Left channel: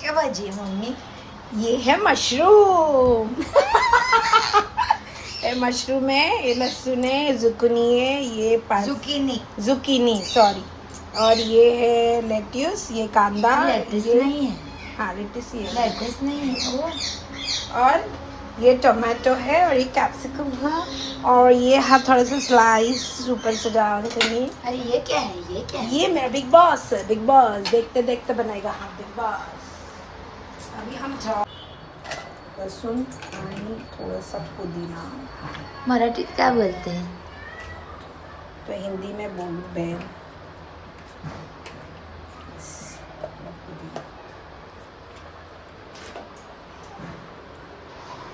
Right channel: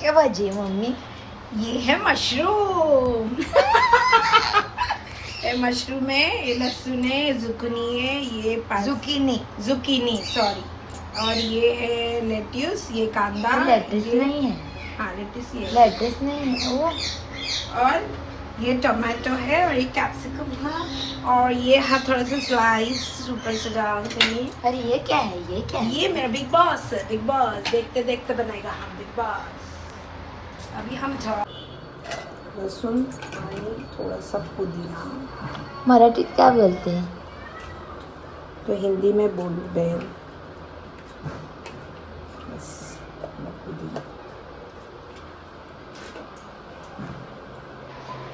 क्या भाजी है मम्मी? ये है मशरूम। ये मशरूम है, ये लहसुन है, जुकनी है, ये जुकीनी सॉरी, और ये है लेट्यूस, ये कांदा, लेटिस ये नहीं है, हाँ लेट्यूस ही है, लेटिस नहीं है वो। और ये टमाटो है, और ये कैप्सिकम है, और ये है थोड़ा सा स्लाइस ऊपर से डाल देंगे। अरे ये क्या है, ये क्या है? ये मेरा बिग बॉस है, बिग बॉस देखते देखते बनेगा हम बिग बॉस। अभी हम लहसुन और थोड़ा सा पुदीना, मराठीत क्या बोलते हैं? तो हिंदी में बोलते हैं।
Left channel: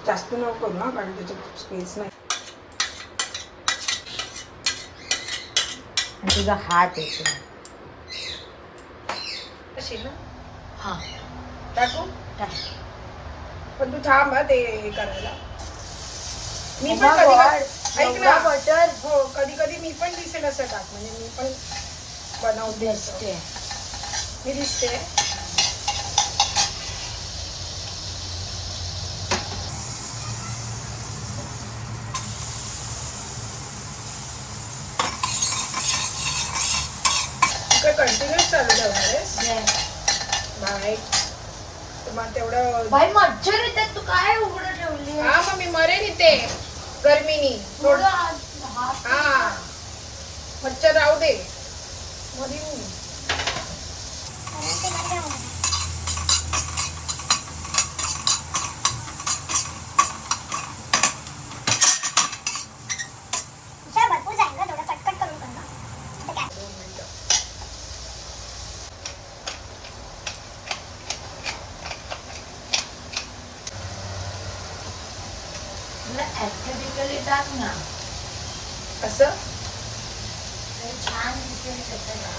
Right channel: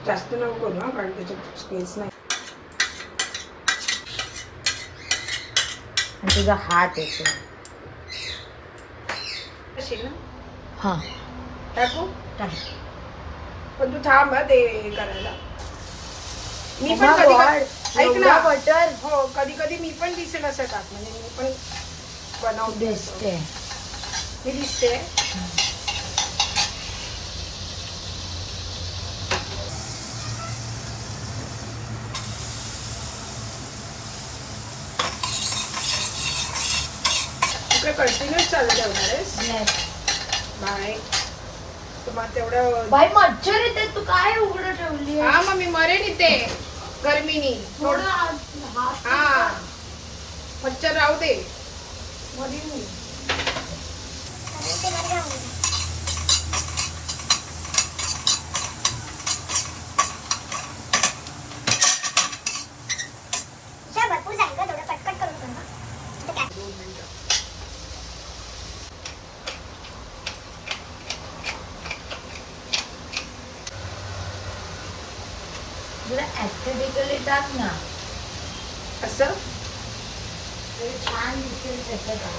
जास्त नको ना, कारण त्याच्यात स्पेस नाही. आणि तुझा हात येतो. अशी ना हा टाकू, पण तू थांब हा ते करायला. मी पण कधी ऐक ना, बटर हो कधी कधी मी पण दिसेल असं टाक, म्हणजे मी पण बनवते असं. मी दिसते. तू काय कंटिन्यूस चालू ठेवणार आहेस? बाय तुम्हाला तेवढं. बाई मच्छर येते, तू काय उघडं ठेवली? हा मग मी मरेन इथे गरमीनी. थोडं हा मच्छर राहू दे, मरीन मी. ऍक्टिव्हिकली टाक ना, असं छान दिसेल त्याच्यात.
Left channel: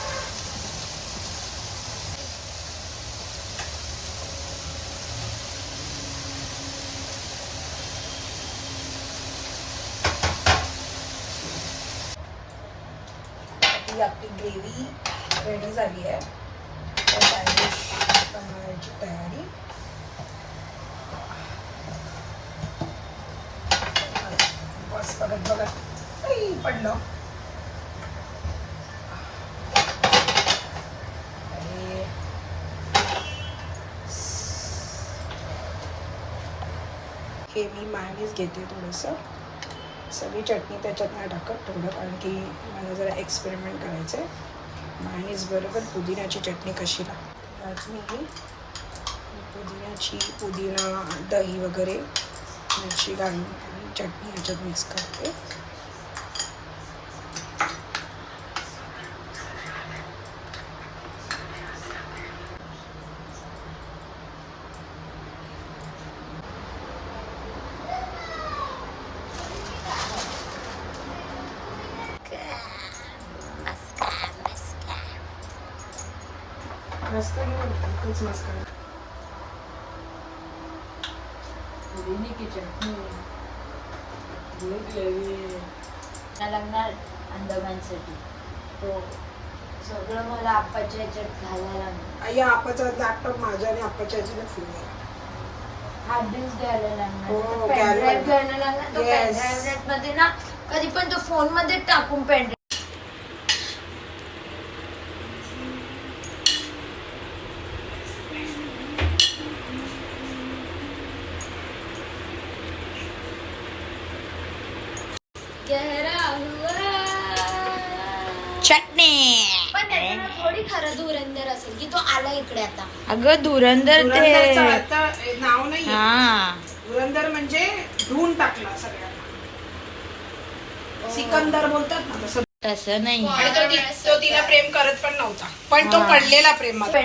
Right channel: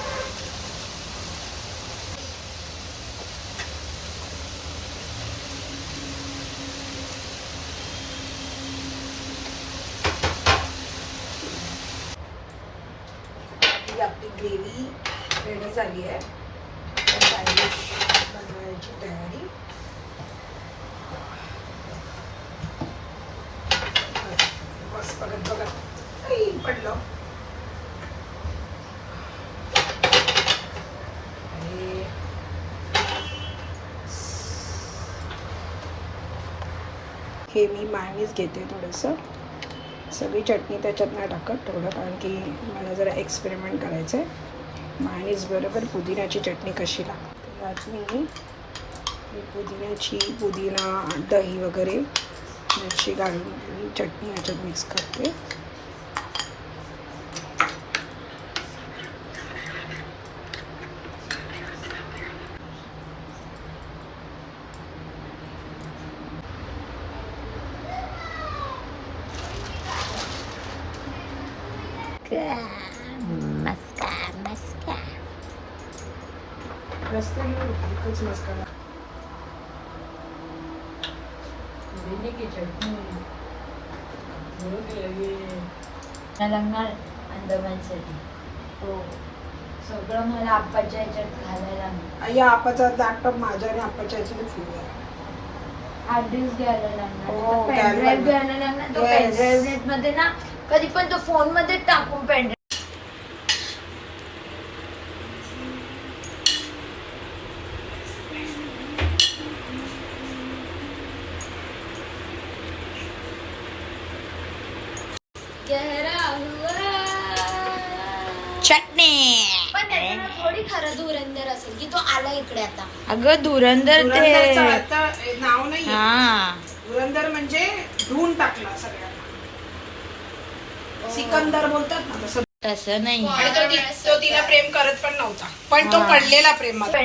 आपली ग्रेव्ही रेडी झाली आहे. सॅन्डविच बनवायची तयारी. बस परत बघत पडलं. हे मी मायनीज घेते थोडंसं. सगळी चटणी त्याच्यात नाही टाकत थोडं, कारण की मला जरा एक्सपेरिमेंट करायचं आहे. मायनीज बरोबर पुदिन्याची चटणी कशी लागते. आज मी पुदिना दही वगैरे अशी घालून चटणी याच्यात मिक्स करते. एकच मसाला. लागणार अंदमानसाठी. हो सगळं मला आप्पाच्या ह्याच्यात घालायला लागणार. या आपाचा लॅपटॉप माझ्या आणि आपाच्या ह्याच्यानं फुल आहे. हार्ड डिस्क घ्यायला लागणार, हो, पेनड्राईव्ह घ्यायला लागणार. तो पेनड्राईव्ह मध्ये ना कधी पण तो फोन मध्ये टाकून पेनड्राईव्ह. चटणी. पण त्याच्यानं थोडी खरं धुरंधर असेल की तो आला इकडे आता. अगं धुरंधर ते आता नाव नाही. हा धुरंधर म्हणजे धुवून टाकला सगळ्यांना. सिकंदर बोलतात ना तसं. तसं नाही. आणि तो तिला प्रेम करत पण नव्हता, पण तो पडलेला प्रेमात.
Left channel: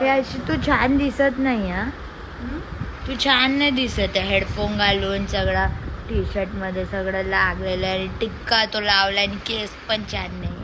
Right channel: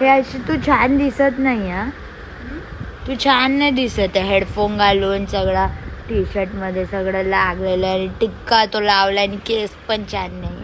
हे अशी तू छान दिसत नाही. हा तू छान नाही दिसत आहे. हेडफोन घालून सगळा टी शर्ट मध्ये सगळं लागलेलं आणि टिक्का तो लावला आणि केस पण छान नाही.